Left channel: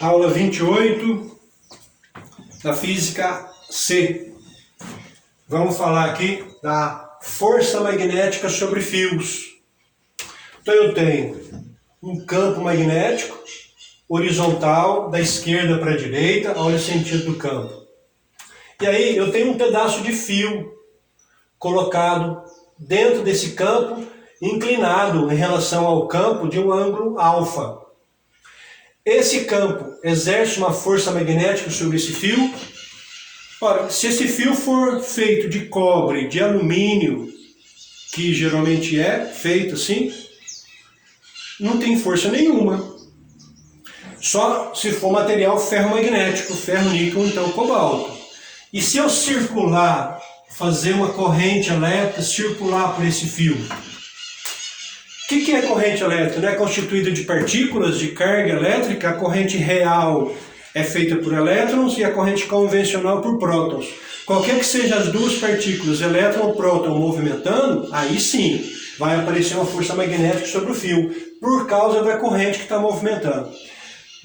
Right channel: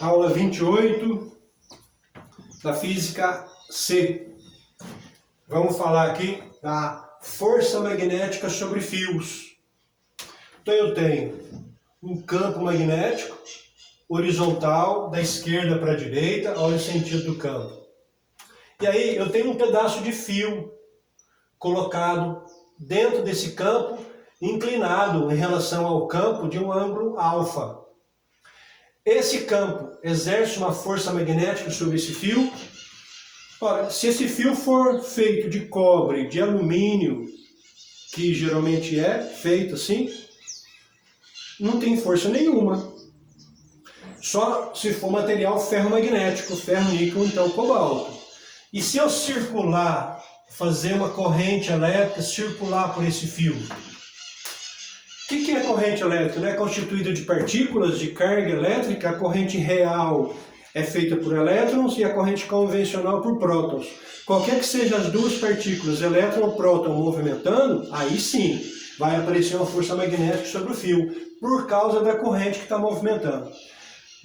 Aula 28 da Física C. Vamos falar aqui da força magnética sobre fios. Então eu tenho um campo magnético horizontal da esquerda para a direita, olha o sentido do campo. E aí eu tenho um pedaço de fio colocado dentro desse campo, inclinado em relação ao campo de um ângulo alfa. Esse campo exerce uma força magnética sobre esse fio. Ora, se esse fio for feito de cobre, de alumínio, que geralmente é feito assim, não tem força nenhuma. Só se for material ferromagnético, ferro, níquel, então cobalto. E se eu circular, fazer uma corrente elétrica, circular por esse fio? O que é corrente elétrica? Não é constituída de partículas, de carga elétrica. A corrente real é feita por elétrons e a corrente convencional por prótons. Qualquer que sejam as duas partículas, elétron ou próton, movimentando, aí sim vai aparecer uma força magnética sobre o fio, por causa da corrente que está movimentando.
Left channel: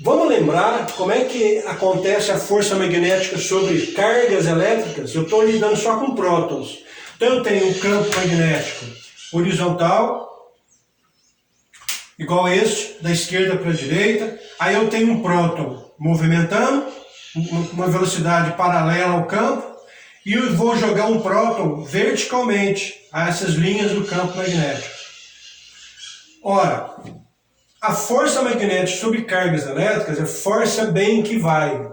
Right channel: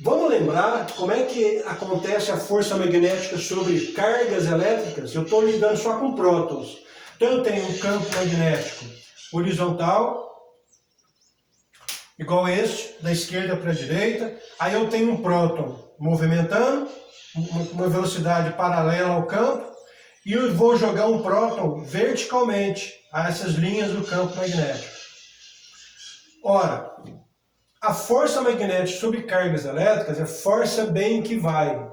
Vamos lembrar como é que acontece a força magnética sobre cargas elétricas? Eu estou lidando só com prótons. Então eu tenho um campo magnético horizontal, igual a este, da esquerda para a direita. Aí eu tenho um próton movimentando, uma velocidade paralela ao campo, e eu vou jogar um próton verticalmente a essas linhas do campo magnético. Ora, a força magnética sobre cargas elétricas é força bem que vai.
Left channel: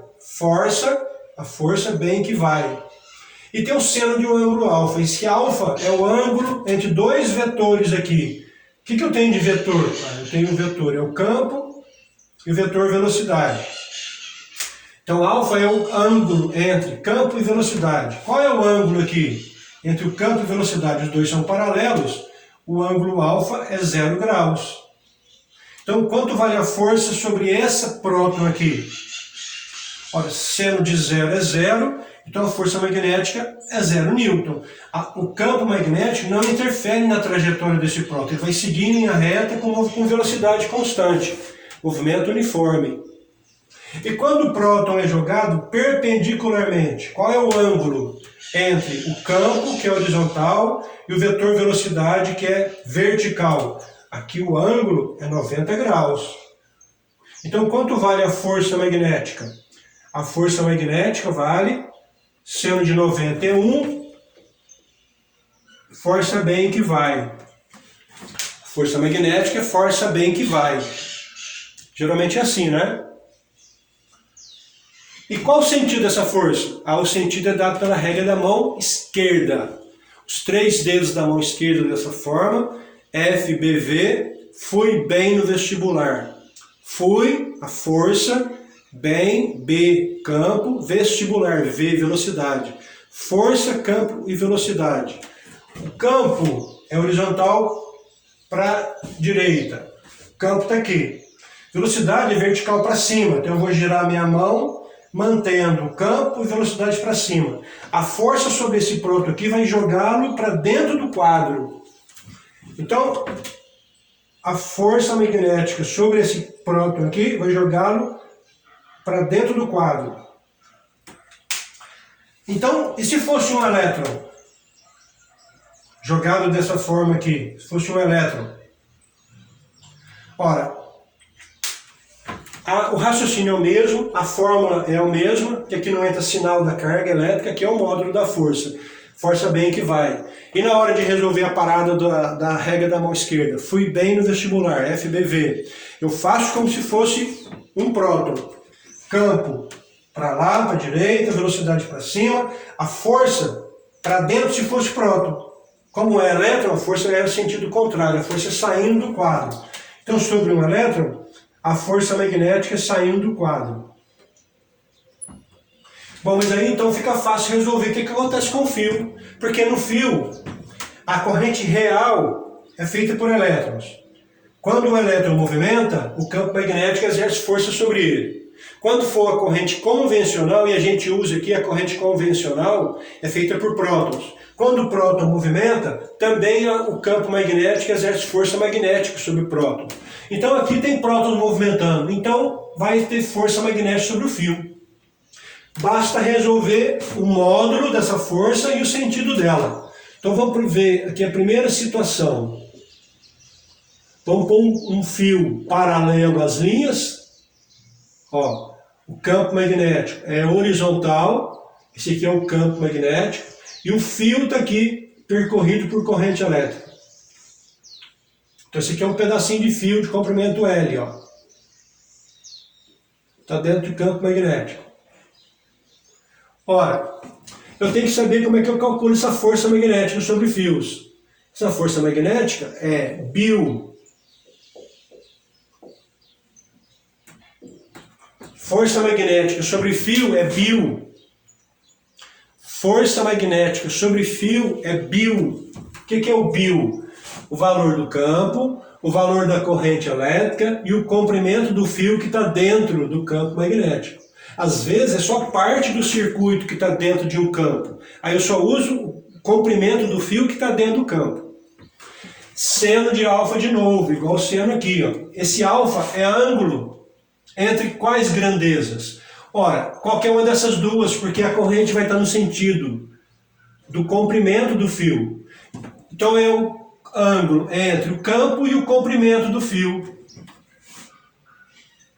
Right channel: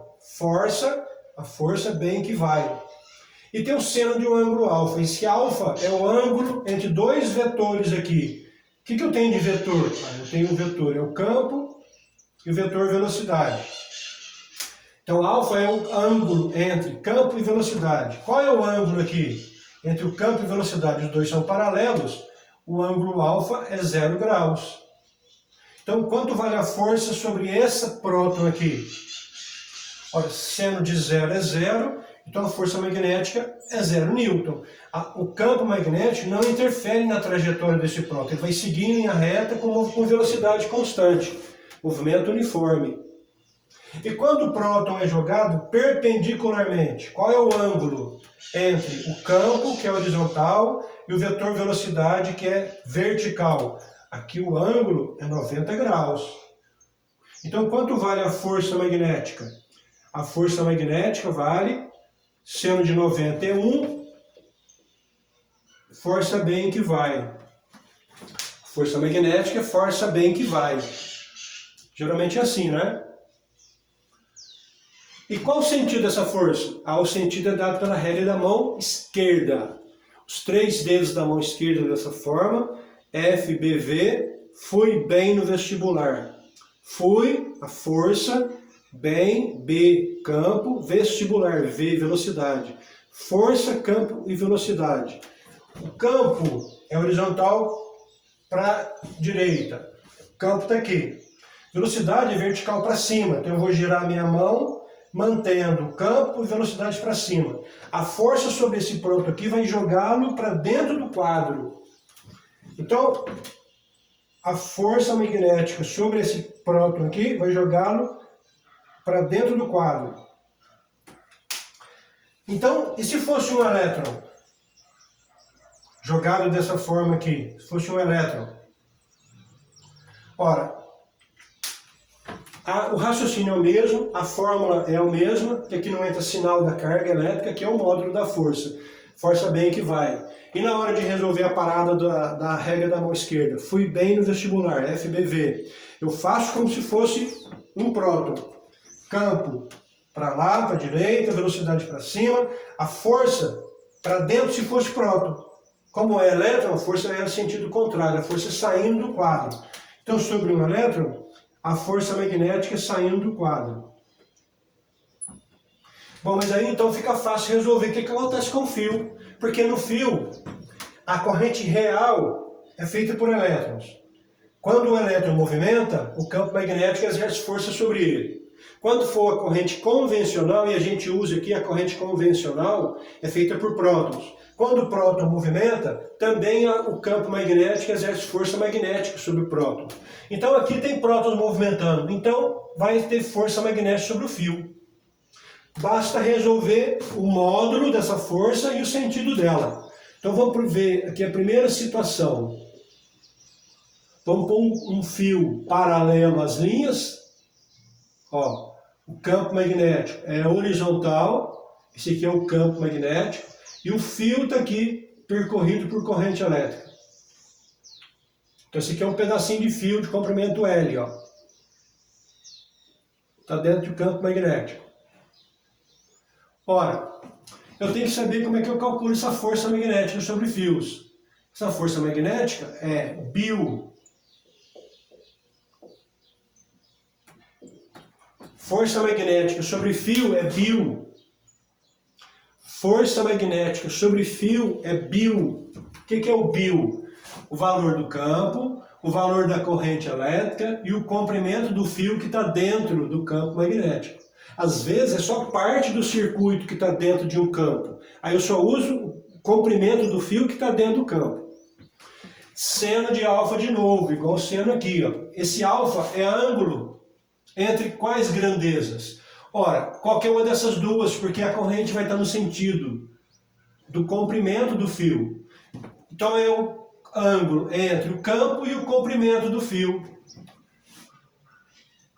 A força bem que vai. E tem o seno de um ângulo alfa. Esse alfa é o ângulo entre dois vetores aqui. O que eu tenho de vetor? Eu tenho um vetor, é o campo, e o vetor velocidade. Então, alfa é o ângulo entre campo e velocidade. Qual é o ângulo aqui? Entre o campo e velocidade, os dois são paralelos, o ângulo alfa é 0 graus. Então, quanto vale a força sobre essa próton aqui? Olha, seno de 0 é 0, então a força magnética é 0 newton. O campo magnético não interfere na trajetória desse próton, ele vai seguir em linha reta com velocidade constante, movimento uniforme. E quando o próton é jogado perpendicularmente, qual é o ângulo entre o campo, que é horizontal, e o vetor velocidade, que é vertical? Aqui o ângulo é 90 graus. Então, quanto vale a força magnética? A força magnética vale seno de 90 é 1, força bem que vai. Força magnética é força bem que vai. Geralmente é assim, né? E qual o sentido dessa força? O sentido é dado pela regra da mão esquerda. Os 3 dedos da mão esquerda dessa forma, F, B, V, fui bem no vestibular. Fui, a força, bem, B, campo, vestibular, V, velocidade. Força, campo e velocidade. O campo é horizontal para a direita. O campo está aqui. Velocidade é vertical para cima. Então eu vou girar a minha mão, mantendo o campo e velocidade para cima. A força sobre esse próton aqui vai jogá-lo para dentro do quadro. Então, a força magnética sobre esse próton aqui vai jogá-lo para dentro do quadro. Então, e se fosse um elétron? Jogado dessa forma aqui, se fosse um elétron. Ora, o raciocínio é o mesmo, a fórmula é a mesma, que aqui não entra sinal da carga elétrica, que é o módulo da força. Força bem que vai. E na hora de resolver a parada da regra da mão esquerda, fui bem no vestibular, FBV. Eu faço como se fosse um próton. Campo para lá, para a direita, velocidade para cima. A força para dentro se fosse próton. Como é elétron, a força é no sentido contrário, a força é saindo do quadro. Então, sobre um elétron, a força magnética é saindo do quadro. Bom, mas aí então fica fácil resolver o que acontece com o fio. Porque no fio, a corrente real é feita por elétrons. Quando o elétron movimenta, o campo magnético exerce força sobre ele. Quando for a corrente convencional, e a gente usa aqui a corrente convencional, é feita por prótons. Quando o próton movimenta, também o campo magnético exerce força magnética sobre o próton. Então aqui tem prótons movimentando, então vai ter força magnética sobre o fio. Basta resolver o módulo dessa força e o sentido dela. Então vamos ver aqui a primeira situação. Vamos pôr um fio paralelo às linhas. Ó, o campo magnético é horizontal, esse aqui é o campo magnético, e o fio está aqui percorrido por corrente elétrica. Então esse aqui é um pedacinho de fio de comprimento L, ó. Está dentro do campo magnético. Ora, eu tenho que saber como é que eu calculo essa força magnética sobre fios. Essa força magnética é Bill. Força magnética sobre fio é Bill. Força magnética sobre fio é Bill. O que é o Bill? O valor do campo, o valor da corrente elétrica e o comprimento do fio que está dentro do campo magnético. Às vezes é só parte do circuito que está dentro de um campo. Aí eu só uso o comprimento do fio que está dentro do campo. Seno de alfa de novo, igual o seno aqui, ó. Esse alfa é ângulo entre quais grandezas? Ora, qualquer uma dessas duas, porque a corrente vai estar no sentido do comprimento do fio. Então é o ângulo entre o campo e o comprimento do fio.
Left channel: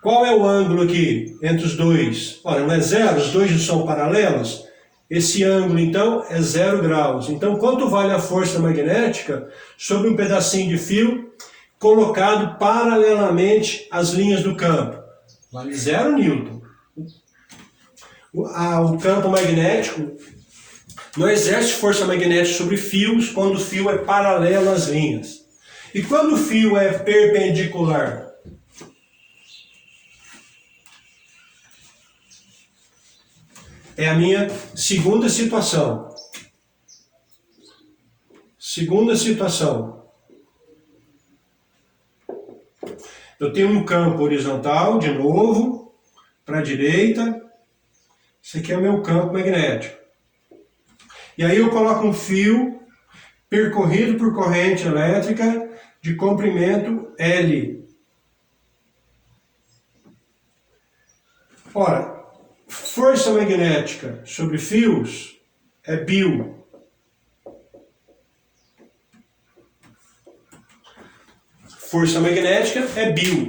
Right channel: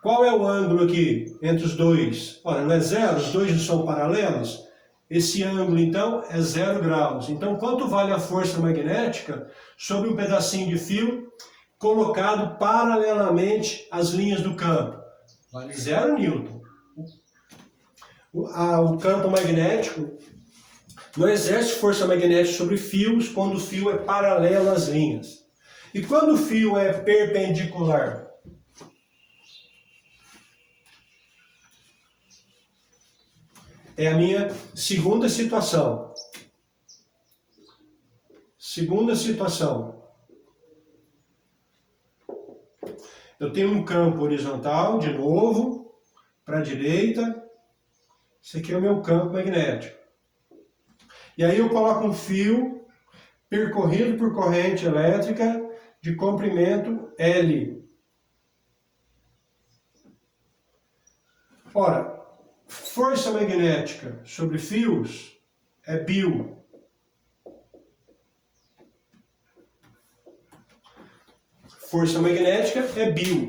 Qual é o ângulo aqui entre os dois? Ora, não é zero? Os dois são paralelos? Esse ângulo, então, é 0 graus. Então, quanto vale a força magnética sobre um pedacinho de fio colocado paralelamente às linhas do campo? Vale 0 newton. O campo magnético não exerce força magnética sobre fios quando o fio é paralelo às linhas. E quando o fio é perpendicular? É a minha segunda situação. Segunda situação. Eu tenho um campo horizontal, de novo, para a direita. Esse aqui é o meu campo magnético. E aí eu coloco um fio percorrido por corrente elétrica de comprimento L. Ora, força magnética sobre fios é Bill. Força magnética é Bill.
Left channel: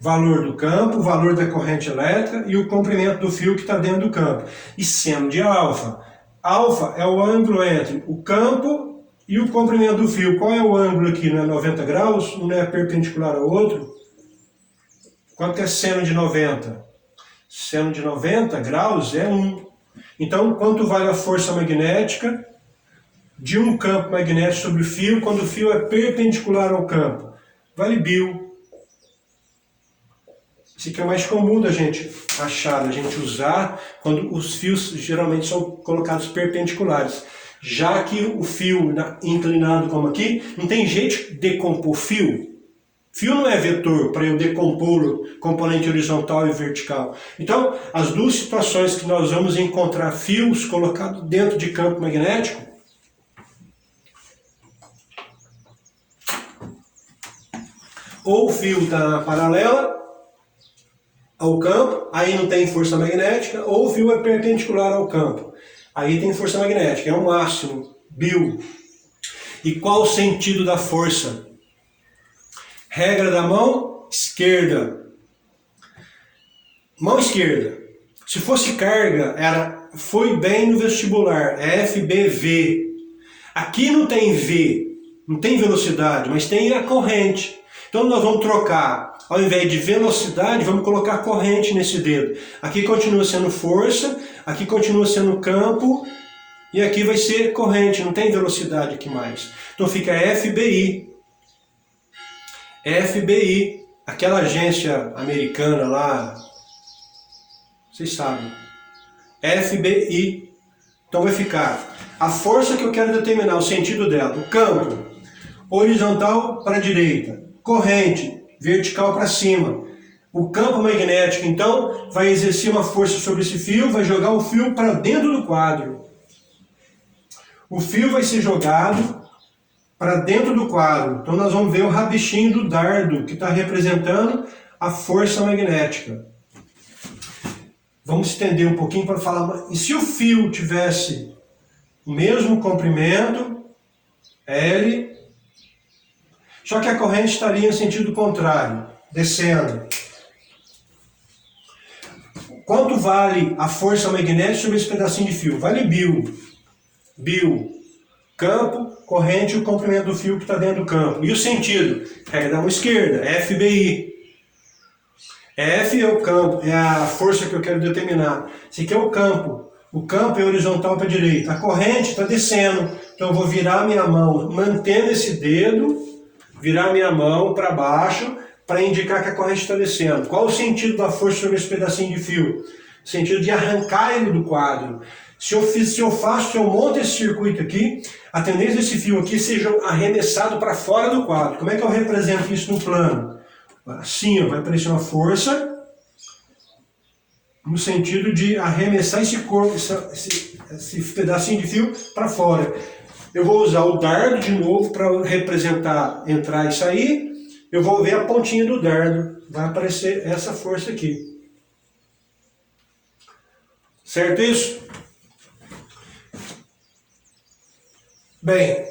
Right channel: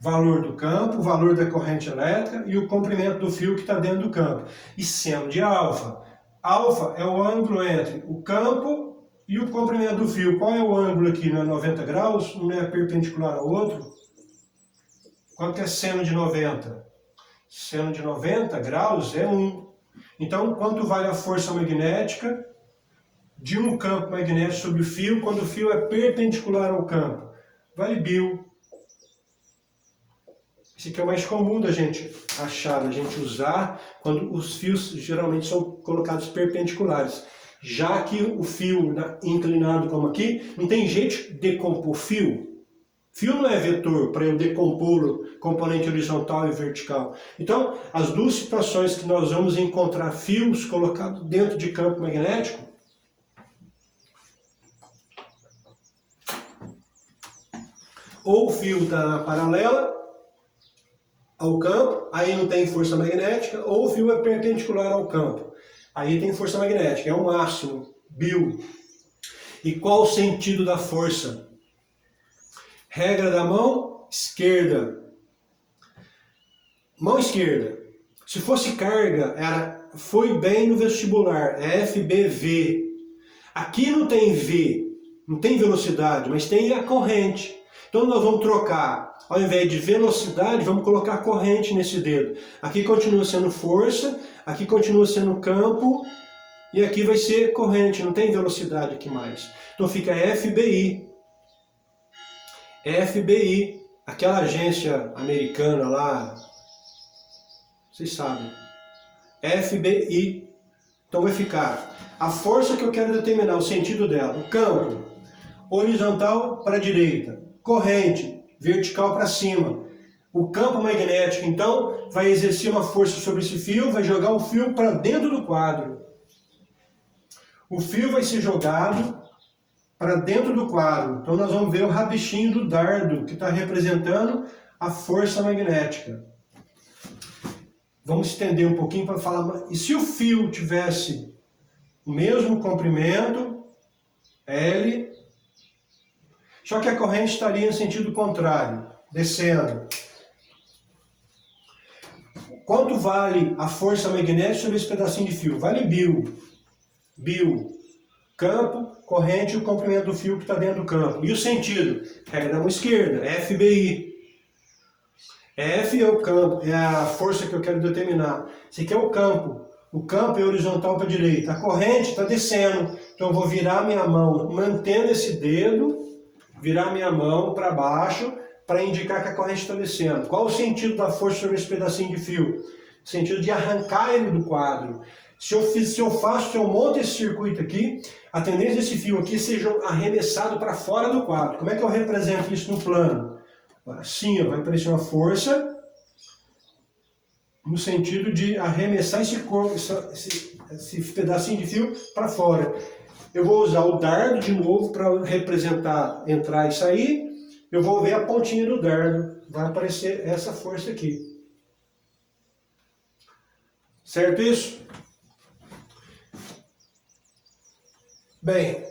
Valor do campo, valor da corrente elétrica e o comprimento do fio que está dentro do campo. E seno de alfa. Alfa é o ângulo entre o campo e o comprimento do fio. Qual é o ângulo aqui? Não é 90 graus? Um é perpendicular ao outro? Quanto é seno de 90? Seno de 90 graus é 1. Então, quanto vale a força magnética de um campo magnético sobre o fio quando o fio é perpendicular ao campo? Vale Bill. Esse aqui é o mais comum da gente achar, da gente usar quando os fios geralmente são colocados perpendiculares. Já que o fio inclinado como aqui, não tem jeito de decompor fio. Fio não é vetor para eu decompor componente horizontal e vertical. Então, as duas situações que nós vamos encontrar fios colocados dentro de campo magnético, ou o fio está na paralela ao campo, aí não tem força magnética, ou o fio é perpendicular ao campo, aí tem força magnética, é o máximo, Bill. E qual o sentido da força? Regra da mão esquerda. Mão esquerda. Se fosse carga, foi bem no vestibular, é FBV. Aqui não tem V, não tem velocidade, mas tem a corrente. Então nós vamos trocar, ao invés de velocidade, vamos colocar corrente nesse dedo. Aqui continua sendo força, aqui continua sendo campo, e aqui vai ser corrente, não tem velocidade aqui mais. Então fica FBI. FBI, aquela agência americana lá, vocês sabem. FBI. Então vai ficar a força que eu quero determinar, o sentido dela. O campo, horizontal para a direita. Corrente, vertical para cima. O campo magnético, então, vai exercer uma força sobre esse fio, vai jogar o fio para dentro do quadro. O fio vai ser jogado para dentro do quadro. Então nós vamos ver o rabichinho do dardo, que está representando a força magnética. Vamos estender um pouquinho para falar. E se o fio tivesse o mesmo comprimento, L, só que a corrente estaria em sentido contrário, descendo. Quanto vale a força magnética sobre esse pedacinho de fio? Vale Bill. Bill, campo, corrente e o comprimento do fio que está dentro do campo. E o sentido? Regra da mão esquerda, FBI. F é o campo, é a força que eu quero determinar. Esse aqui é o campo. O campo é horizontal para a direita. A corrente está descendo. Então eu vou virar minha mão, mantendo esse dedo, virar minha mão para baixo, para indicar que a corrente está descendo. Qual o sentido da força sobre esse pedacinho de fio? O sentido de arrancar ele do quadro. Se eu monto esse circuito aqui, a tendência desse fio aqui seja arremessado para fora do quadro. Como é que eu represento isso no plano? Assim, vai aparecer uma força no sentido de arremessar esse corpo, esse pedacinho de fio para fora. Eu vou usar o dardo de novo para representar entrar e sair. Eu vou ver a pontinha do dardo. Vai aparecer essa força aqui. Certo isso? Bem,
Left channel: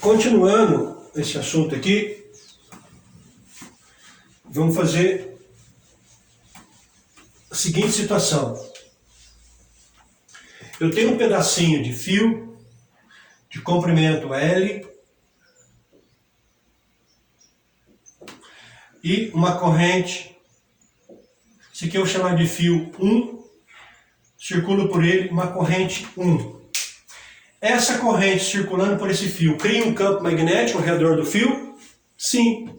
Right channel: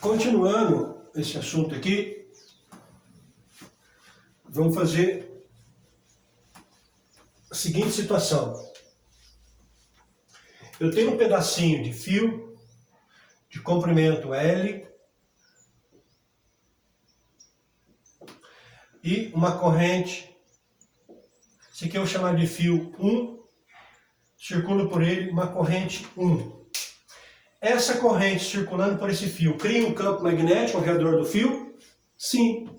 continuando esse assunto aqui, vamos fazer a seguinte situação. Eu tenho um pedacinho de fio de comprimento L e uma corrente, esse aqui eu vou chamar de fio 1, circula por ele uma corrente 1. Essa corrente circulando por esse fio cria um campo magnético ao redor do fio? Sim.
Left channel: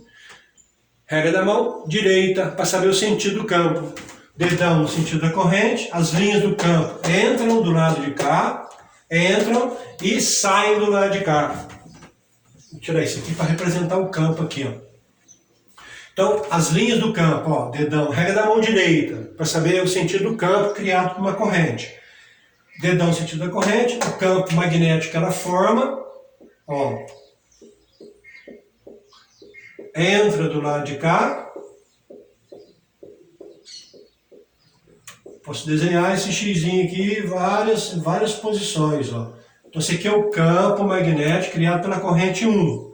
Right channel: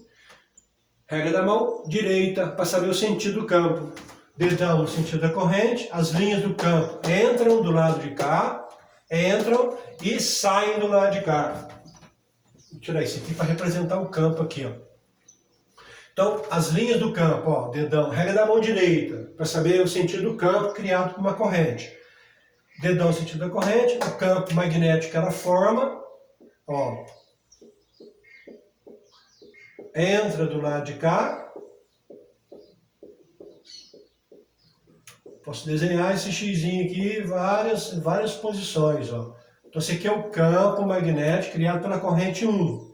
Regra da mão direita, para saber o sentido do campo. Dedão no sentido da corrente, as linhas do campo entram do lado de cá, entram e saem do lado de cá. Vou tirar isso aqui para representar o campo aqui, ó. Então, as linhas do campo, ó, dedão, regra da mão direita, para saber o sentido do campo criado por uma corrente. Dedão no sentido da corrente, o campo magnético ela forma, ó, entra do lado de cá. Posso desenhar esse xizinho aqui em várias posições, ó. Então esse aqui é o campo magnético criado pela corrente 1.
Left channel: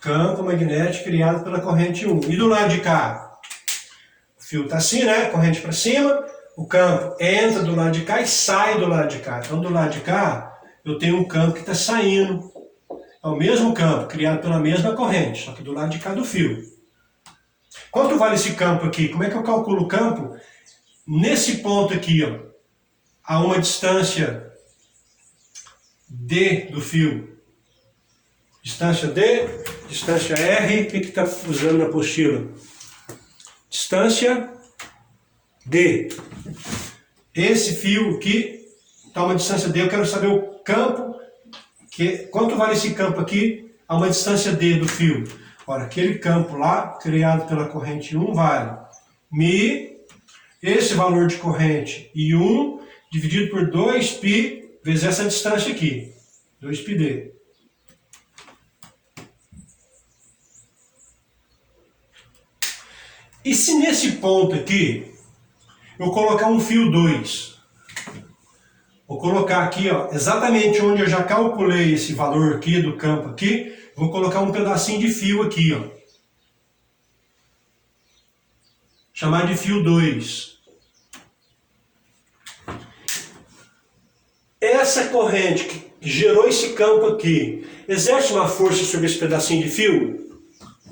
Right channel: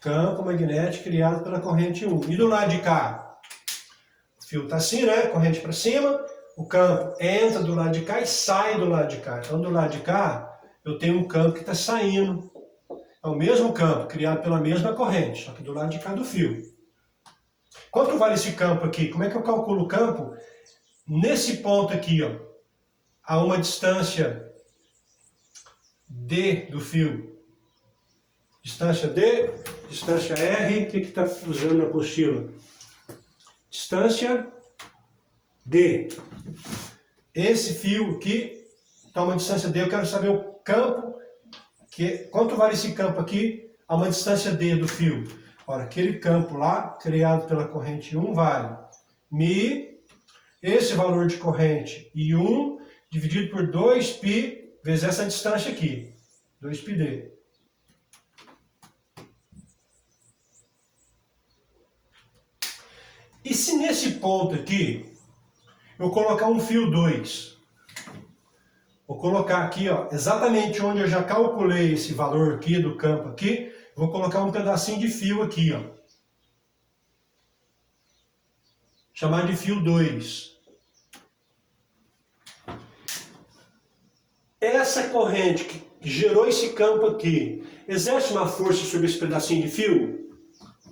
Campo magnético criado pela corrente 1. E do lado de cá? O fio está assim, né? Corrente para cima. O campo entra do lado de cá e sai do lado de cá. Então do lado de cá eu tenho um campo que está saindo. É o mesmo campo, criado pela mesma corrente, só que do lado de cá do fio. Quanto vale esse campo aqui? Como é que eu calculo o campo? Nesse ponto aqui, ó, a uma distância D do fio. Distância D, distância R, o que está usando na apostila? Distância D. Esse fio aqui está uma distância D, eu quero saber o campo. Quanto vale esse campo aqui a uma distância D do fio? Ora, aquele campo lá, criado pela corrente 1, vale μ, esse valor de corrente, I1, dividido por 2π, vezes essa distância aqui, 2πd. E se nesse ponto aqui, eu colocar um fio 2, vou colocar aqui, ó, exatamente onde eu já calculei esse valor aqui do campo aqui, vou colocar um pedacinho de fio aqui, ó. Chamar de fio 2. Essa corrente que gerou esse campo aqui, exerce uma força sobre esse pedacinho de fio?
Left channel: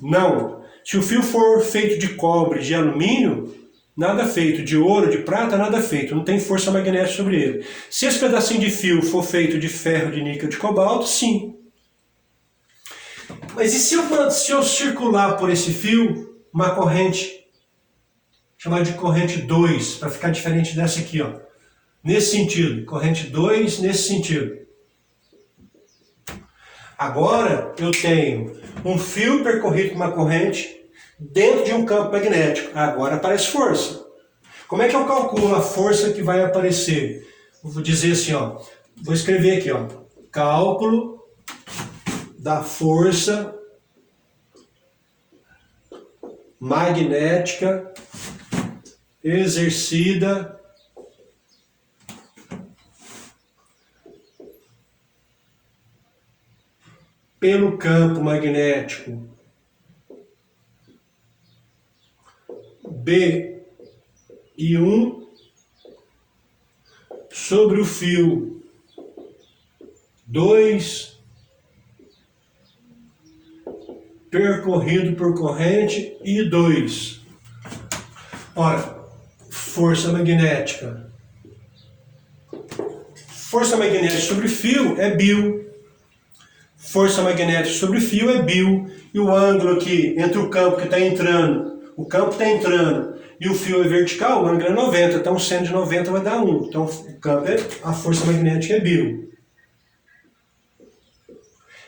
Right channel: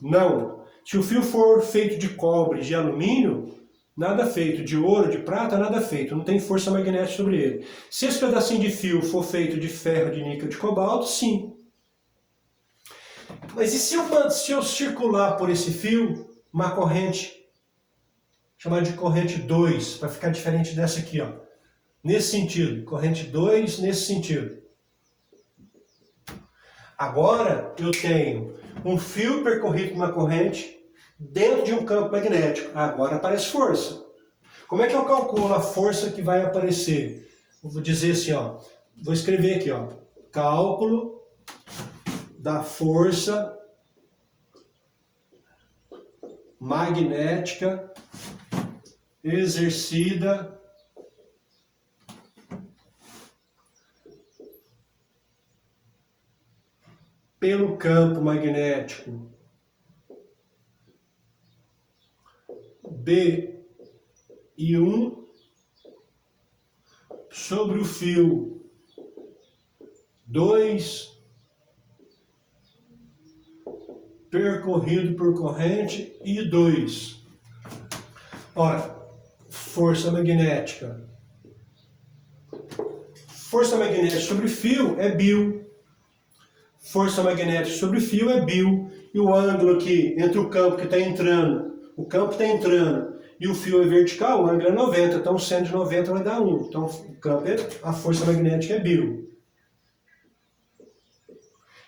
Não. Se o fio for feito de cobre, de alumínio, nada feito. De ouro, de prata, nada feito. Não tem força magnética sobre ele. Se esse pedacinho de fio for feito de ferro, de níquel, de cobalto, sim. Mas e se eu circular por esse fio uma corrente, chamada de corrente 2, para ficar diferente dessa aqui, ó. Nesse sentido. Corrente 2, nesse sentido. Agora eu tenho um fio percorrido por uma corrente dentro de um campo magnético. Agora aparece força. Como é que eu calculo a força que vai aparecer? Vou dizer assim, ó, vou escrever aqui, ó, cálculo da força magnética exercida pelo campo magnético BI1 sobre o fio 2 percorrido por corrente I2. Ora, força magnética. Força magnética sobre fio é Bill. Força magnética sobre fio é Bill. E o ângulo aqui entre o campo que está entrando, e o fio é vertical, o ângulo é 90. Então, seno de 90 vai dar 1. Então, o campo a força magnética é Bill.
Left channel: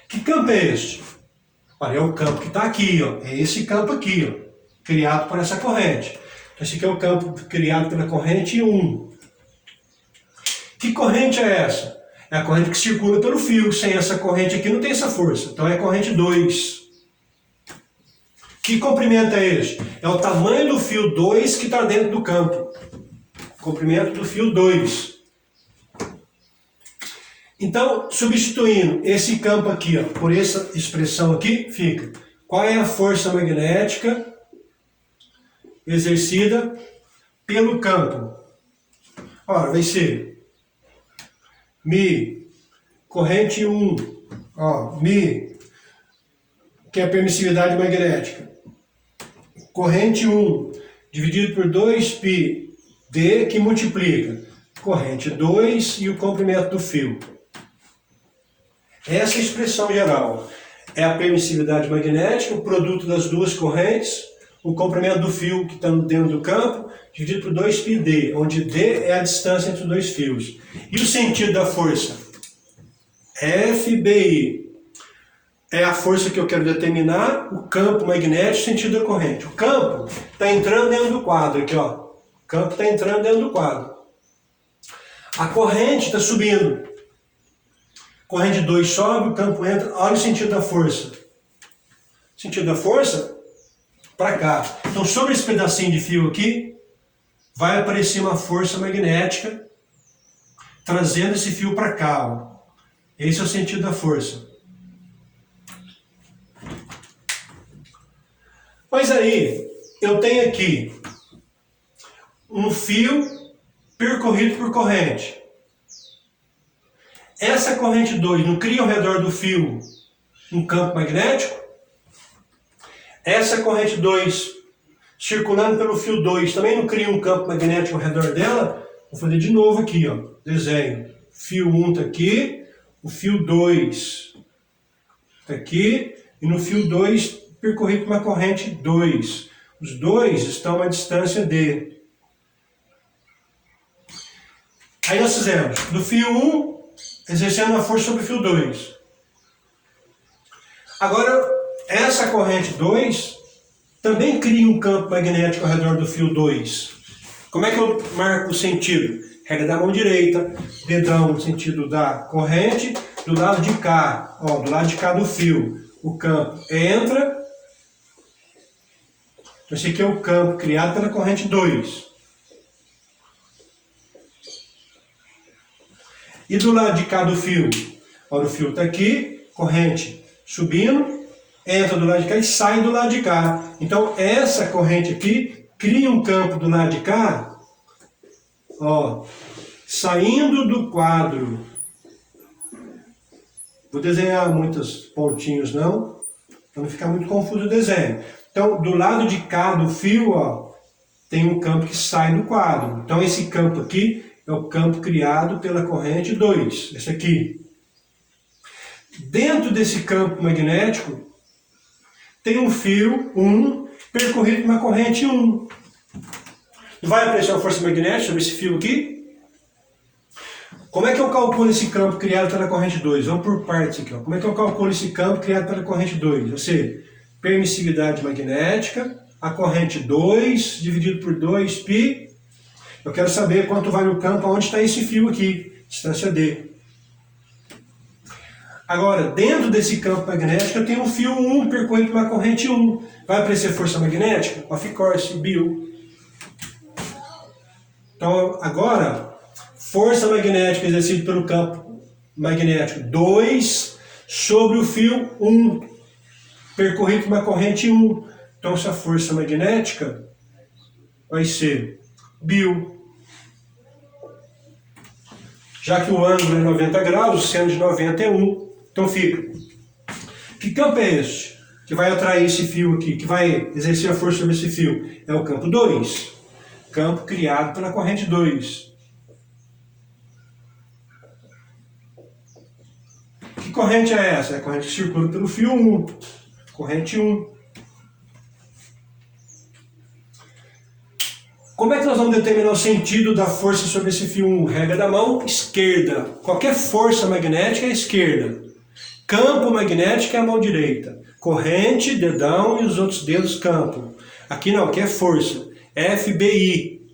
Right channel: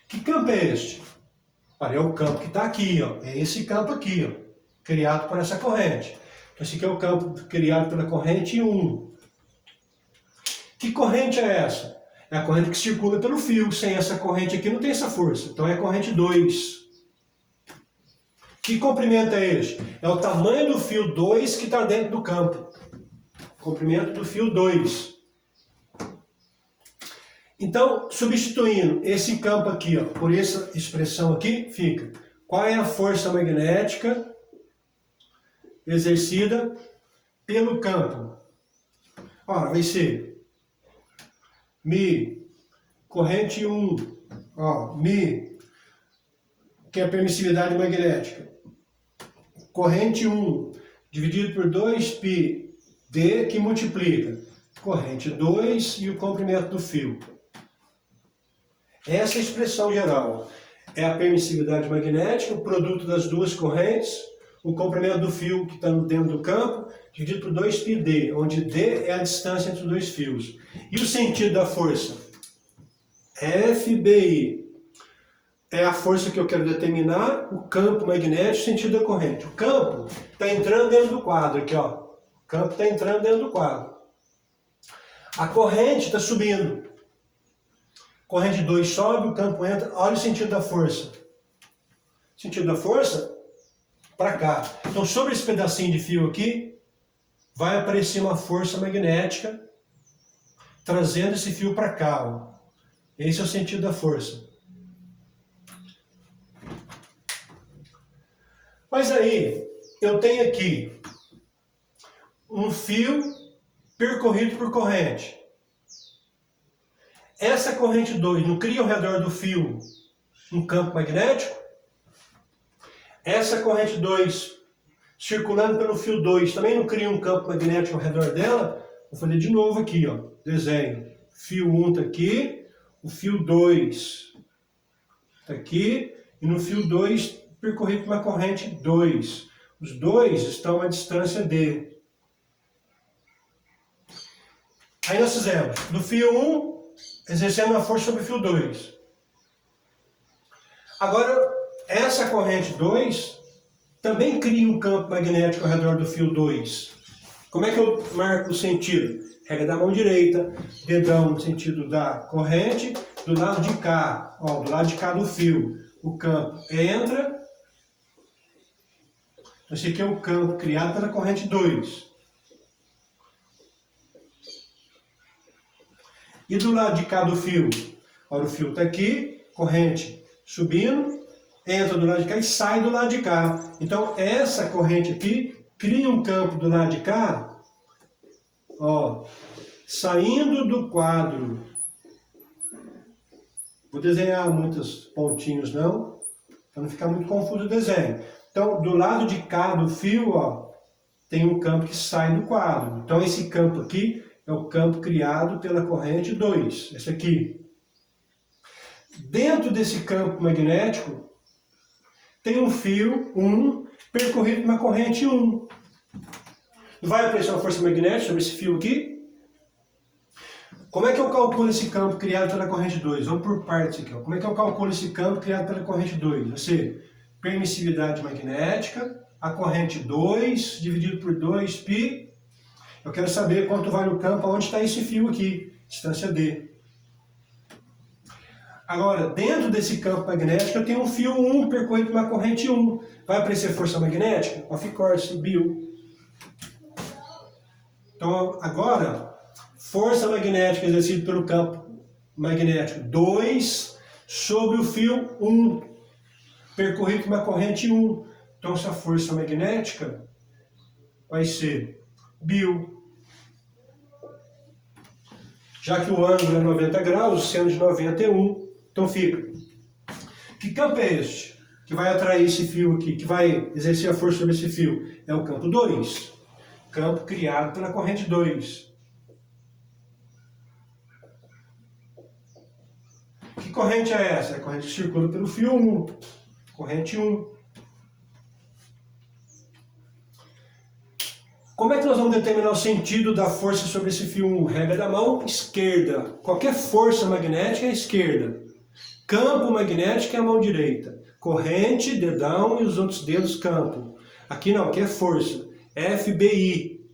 Que campo é este? Olha, é o campo que está aqui, ó. É esse campo aqui, ó, criado por essa corrente. Então, esse aqui é o campo criado pela corrente 1. Que corrente é essa? É a corrente que circula pelo fio. Sem essa corrente aqui não tem essa força. Então, é a corrente 2. Que comprimento é este? É o tamanho do fio 2 que está dentro do campo. Comprimento do fio 2. Então, substituindo esse campo aqui, ó, por essa expressão aqui, fica: qual é a força magnética exercida pelo campo? Ora, vai ser Mi, corrente 1, ó, Mi, que é a permissividade magnética. Corrente 1 dividido por 2π, D, que multiplica corrente 2 e o comprimento do fio. Essa é a expressão geral. É a permissividade magnética, o produto das duas correntes, o comprimento do fio que está dentro do campo, dividido por 2πd, onde D é a distância entre os dois fios. E o sentido da força? FBI. É a força que eu quero determinar, o campo magnético, sentido da corrente. O campo está entrando dentro do quadro aqui, ó. O campo está entrando dentro do quadro. A corrente está subindo. Corrente 2 sobe, o campo entra. Olha o sentido da força. O sentido da força? Para cá. Então, sobre esse pedacinho de fio aqui, vai aparecer uma força magnética trazendo esse fio para cá, ó. Esse é o sentido da força. Mas aí, eu tenho aqui um fio percorrido por corrente. Essa corrente 2 não cria ao redor do fio um campo magnético? Essa corrente 2, circulando pelo fio 2, também não cria um campo magnético ao redor dela? Vou fazer de novo aqui, ó, desenho. Fio 1 está aqui, o fio 2 está aqui, e no fio 2 percorrido por uma corrente 2. Os dois estão à distância D. Aí nós fizemos do fio 1, exercendo a força sobre o fio 2. Agora, essa corrente 2 também cria um campo magnético ao redor do fio 2. Como é que eu marco o sentido? Regra da mão direita, dedão no sentido da corrente, do lado de cá, ó, do lado de cá do fio, o campo entra. Esse aqui é o campo criado pela corrente 2. E do lado de cá do fio, olha, o fio está aqui, corrente subindo, entra do lado de cá e sai do lado de cá. Então, essa corrente aqui cria um campo do lado de cá, ó, saindo do quadro. Vou desenhar muitos pontinhos não, para não ficar muito confuso o desenho. Então, do lado de cá do fio, ó, tem um campo que sai do quadro. Então, esse campo aqui é o campo criado pela corrente 2, esse aqui. Dentro desse campo magnético, tem um fio 1 percorrido por uma corrente 1. Vai aparecer uma força magnética sobre esse fio aqui? Como é que eu calculo esse campo criado pela corrente 2? Vamos por partes aqui, ó. Como é que eu calculo esse campo criado pela corrente 2? Ou seja, permissividade magnética, a corrente 2 dividido por 2π. Eu quero saber quanto vale o campo, onde está esse fio aqui, distância D. Agora, dentro desse campo magnético, eu tenho um fio 1 percorrido por uma corrente 1. Vai aparecer força magnética? Of course, Bill. Então, agora, força magnética exercida pelo campo magnético 2 sobre o fio 1, percorrido por uma corrente 1. Então, essa força magnética vai ser Bill. Já que o ângulo é 90 graus, o seno de 90 é 1. Então fica. Que campo é esse que vai atrair esse fio aqui, que vai exercer a força sobre esse fio? É o campo 2. Campo criado pela corrente 2. Que corrente é essa? É a corrente que circula pelo fio 1. Corrente 1. Como é que nós vamos determinar o sentido da força sobre esse fio 1? Regra da mão esquerda. Qualquer força magnética é a esquerda. Campo magnético é a mão direita. Corrente, dedão e os outros dedos campo. Aqui não, aqui é força. FBI.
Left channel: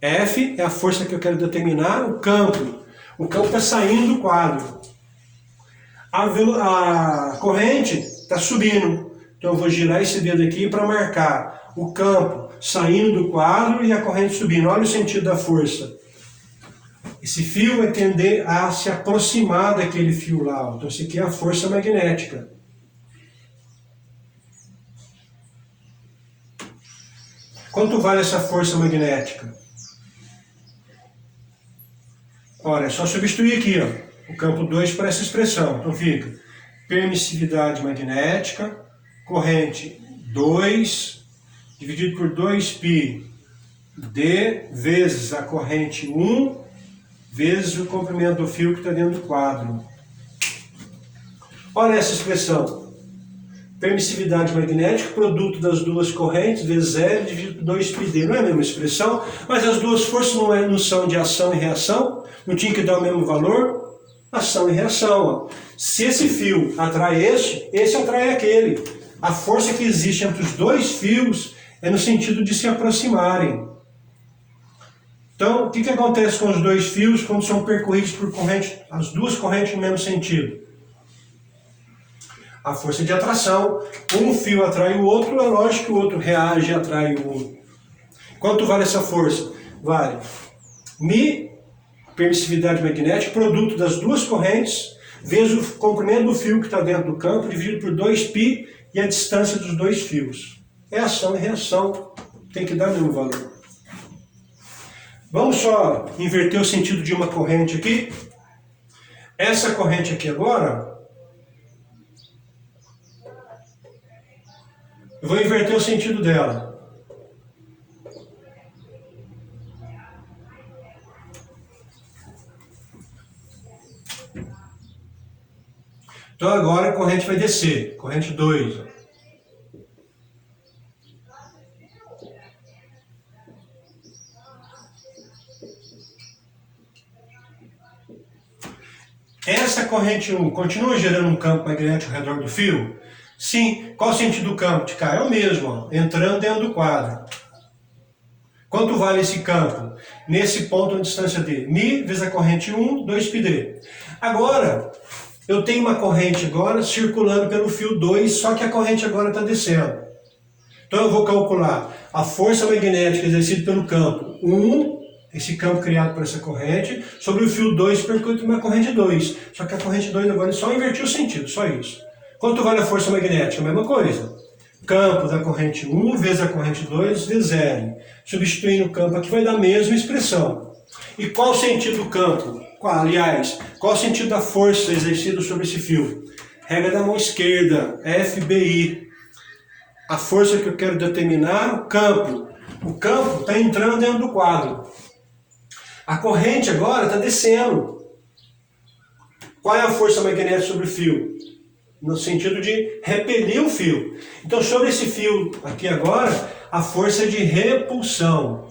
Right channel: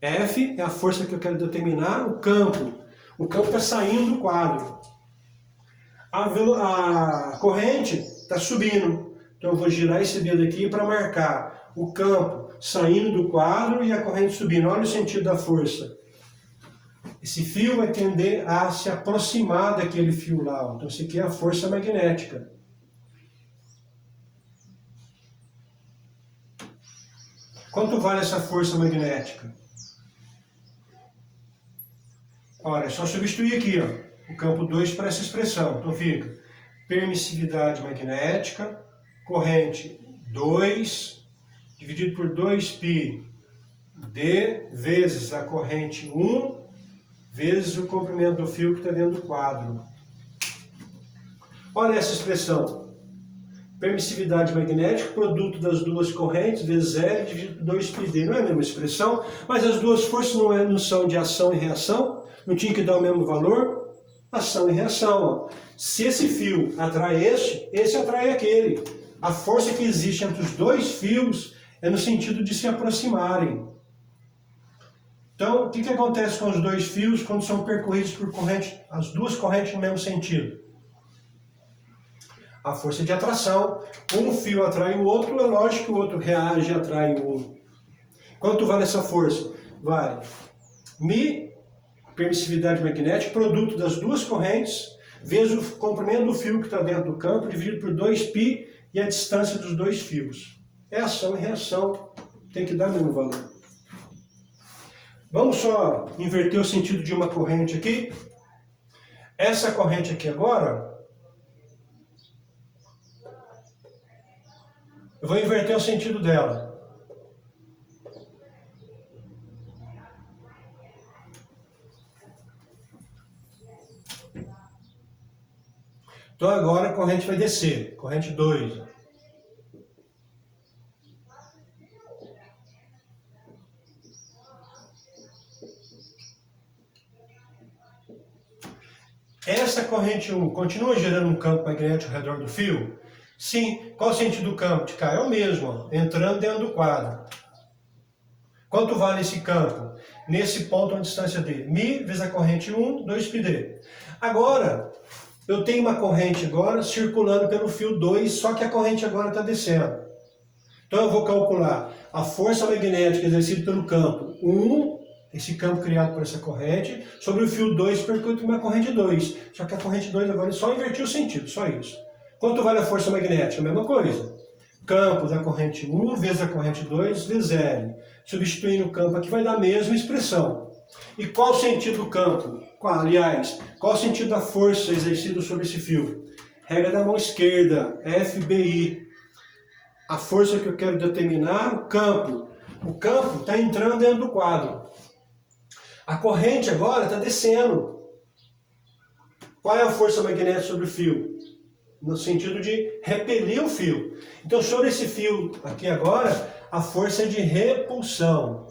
F é a força que eu quero determinar, o campo. O campo está saindo do quadro. A corrente está subindo. Então eu vou girar esse dedo aqui para marcar o campo saindo do quadro e a corrente subindo. Olha o sentido da força. Esse fio vai tender a se aproximar daquele fio lá. Então, isso aqui é a força magnética. Quanto vale essa força magnética? Olha, é só substituir aqui, ó, o campo 2 por essa expressão. Então fica permissividade magnética, corrente 2, dividido por 2πd vezes a corrente 1, vezes o comprimento do fio que está dentro do quadro. Olha essa expressão. Permissividade magnética, produto das duas correntes, vezes L, dividido por 2πd. Não é a mesma expressão, mas as duas forças não são de ação e reação? Não tinha que dar o mesmo valor? Ação e reação. Ó. Se esse fio atrai esse atrai aquele. A força que existe entre os dois fios é no sentido de se aproximarem. Então, o que acontece com os dois fios quando são percorridos por corrente, as duas correntes no mesmo sentido? A força de atração. Um fio atrai o outro, é lógico que o outro reage e atrai o outro. Quanto vale essa força? Vale μ, permissividade magnética, produto das duas correntes, vezes o comprimento do fio que está dentro do campo, dividido por 2π e a distância dos dois fios. É ação e reação. Tem que dar o mesmo valor. Vamos só inverter o sentido de uma corrente aqui. Essa corrente aqui agora, eu vou inverter o sentido dela. Então agora a corrente vai descer, corrente 2. Essa corrente 1 continua gerando um campo magnético ao redor do fio? Sim. Qual o sentido do campo? De cá é o mesmo, ó, entrando dentro do quadro. Quanto vale esse campo? Nesse ponto, a distância d. μ vezes a corrente 1, 2πd. Agora, eu tenho uma corrente agora circulando pelo fio 2, só que a corrente agora está descendo. Então eu vou calcular a força magnética exercida pelo campo 1, esse campo criado por essa corrente, sobre o fio 2 percorrido por uma corrente 2. Só que a corrente 2 agora é só invertir o sentido, só isso. Quanto vale a força magnética? A mesma coisa. Campo da corrente 1 vezes a corrente 2 vezes L. Substituindo o campo aqui vai dar a mesma expressão. E qual o sentido do campo? Aliás, qual o sentido da força exercida sobre esse fio? Regra da mão esquerda, FBI. A força que eu quero determinar, o campo. O campo está entrando dentro do quadro. A corrente agora está descendo. Qual é a força magnética sobre o fio? No sentido de repelir o fio. Então, sobre esse fio aqui agora, a força é de repulsão.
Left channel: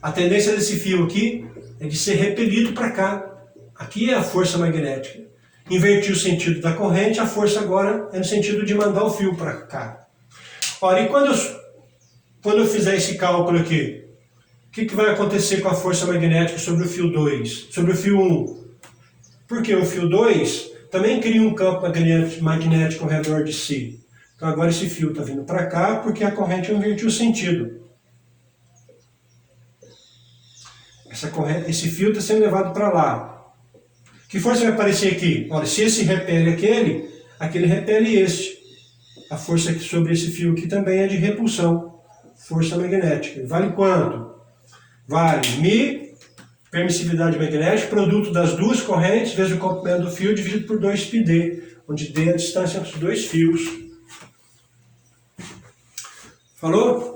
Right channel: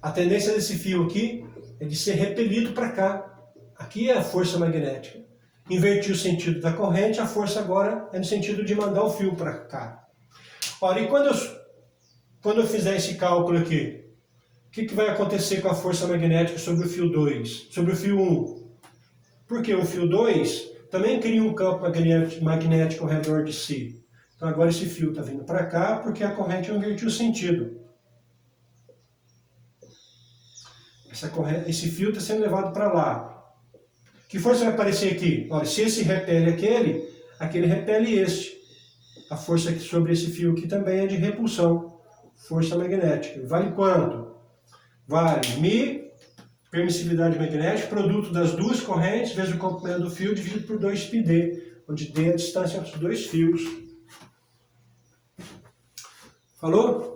A tendência desse fio aqui é de ser repelido para cá. Aqui é a força magnética. Inverti o sentido da corrente, a força agora é no sentido de mandar o fio para cá. Ora, e quando eu fizer esse cálculo aqui, o que vai acontecer com a força magnética sobre o fio 2, sobre o fio 1? Porque o fio 2 também cria um campo magnético ao redor de si. Então agora esse fio está vindo para cá porque a corrente invertiu o sentido. Esse fio está sendo levado para lá. Que força vai aparecer aqui? Olha, se esse repele aquele repele este. A força sobre esse fio aqui também é de repulsão. Força magnética. Vale quanto? Vale μ, permissividade magnética, produto das duas correntes, vezes o comprimento do fio, dividido por 2πd, onde d é a distância entre os dois fios. Falou?